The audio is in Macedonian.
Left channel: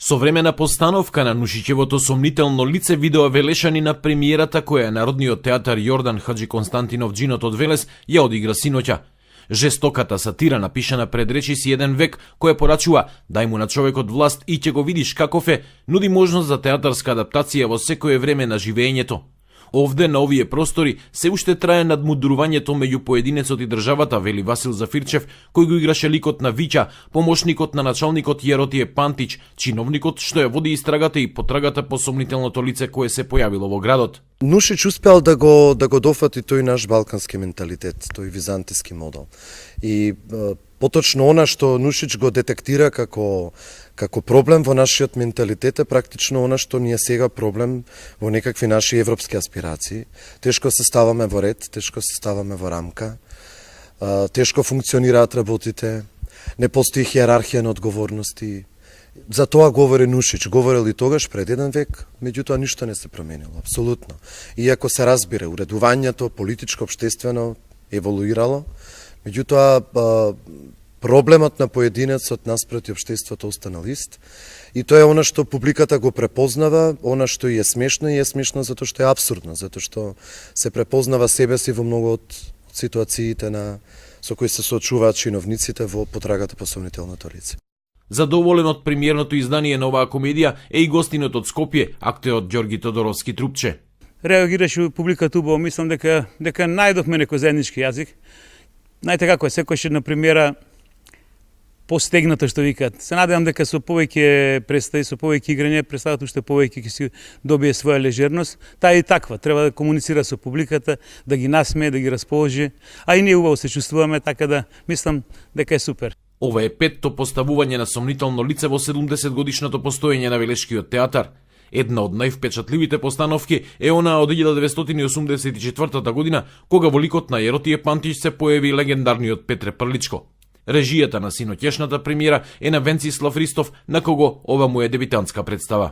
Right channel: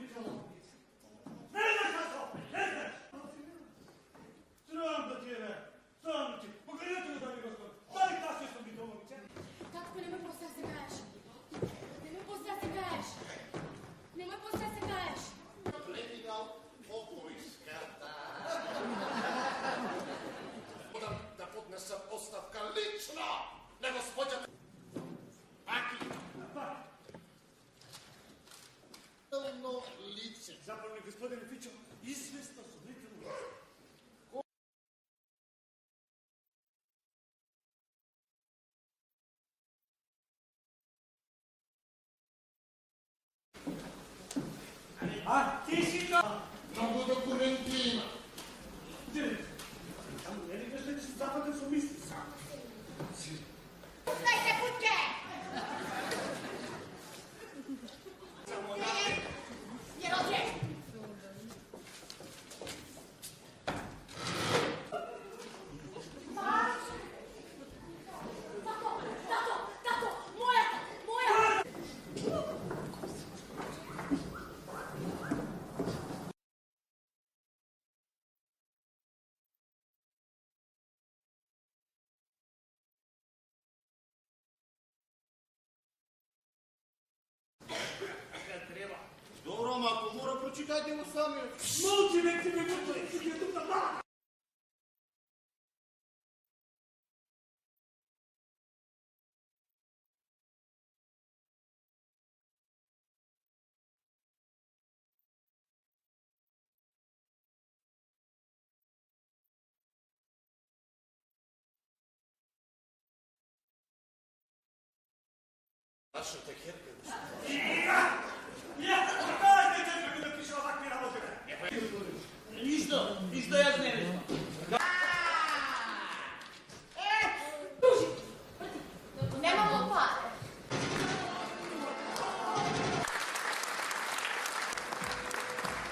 Современа постановка на Нушичевото сомнително лице видео велешани на премиерата која Народниот театар Јордан Хаджи Константинов Джинот од Велес ја одигра синоќа. Жестоката сатира напишана пред речиси еден век која порачува дај му на човекот власт и ќе го видиш каков е, нуди можност за театарска адаптација во секое време на живеењето. Овде, на овие простори, се уште трае надмудрувањето меѓу поединецот и државата, вели Васил Зафирчев, кој го играше ликот на Вича, помошникот на началникот Јеротие Пантич, чиновникот што ја води истрагата и потрагата по сомнителното лице кое се појавило во градот. Нушич успеал да го дофати тој наш балкански менталитет, тој византиски модел. И поточно она што Нушич го детектира како проблем во нашиот менталитет е практично она што ни е сега проблем во некакви наши европски аспирации. Тешко се ставаме во ред, тешко се ставаме во рамка, тешко функционираат работите, не постои хиерархија на одговорности. За тоа говори Нушич, говорил и тогаш пред еден век, меѓутоа ништо не се променило, апсолутно. Иако се разбира, уредувањето политичко, општествено еволуирало, меѓутоа проблемот на поединецот наспроти општеството останал ист. И тоа е она што публиката го препознава, она што и е смешно затоа што е апсурдно, затоа што се препознава себе си во многу од ситуациите со кои се соочуваат чиновниците во потрагата по сомнителното лице. Задоволен од премиерното издание на оваа комедија е и гостинот од Скопје, актерот Ѓорги Тодоровски Трупче. Реагираше публиката убаво, мислам дека најдовме некој заеднички јазик. Знаете како е, секојаш на премиера постегнато што викаат. Се надевам дека со повеќе представи, со повеќе играње, представата уште повеќе ќе си добие своја лежерност. Таа е и таква, треба да комуницира со публиката, да ги насмее, да ги расположи, а и ние убаво се чувствуваме, така да мислам дека е супер. Ова е петто поставување на сомнително лице во 70 годишното постоење на Велешкиот театар. Една од највпечатливите постановки е она од 1984 година, кога во ликот на Јеротие Пантич се појави легендарниот Петре Прличко. Режијата на синоќешната премиера е на Венцислав Ристов, на кого ова му е дебитантска представа.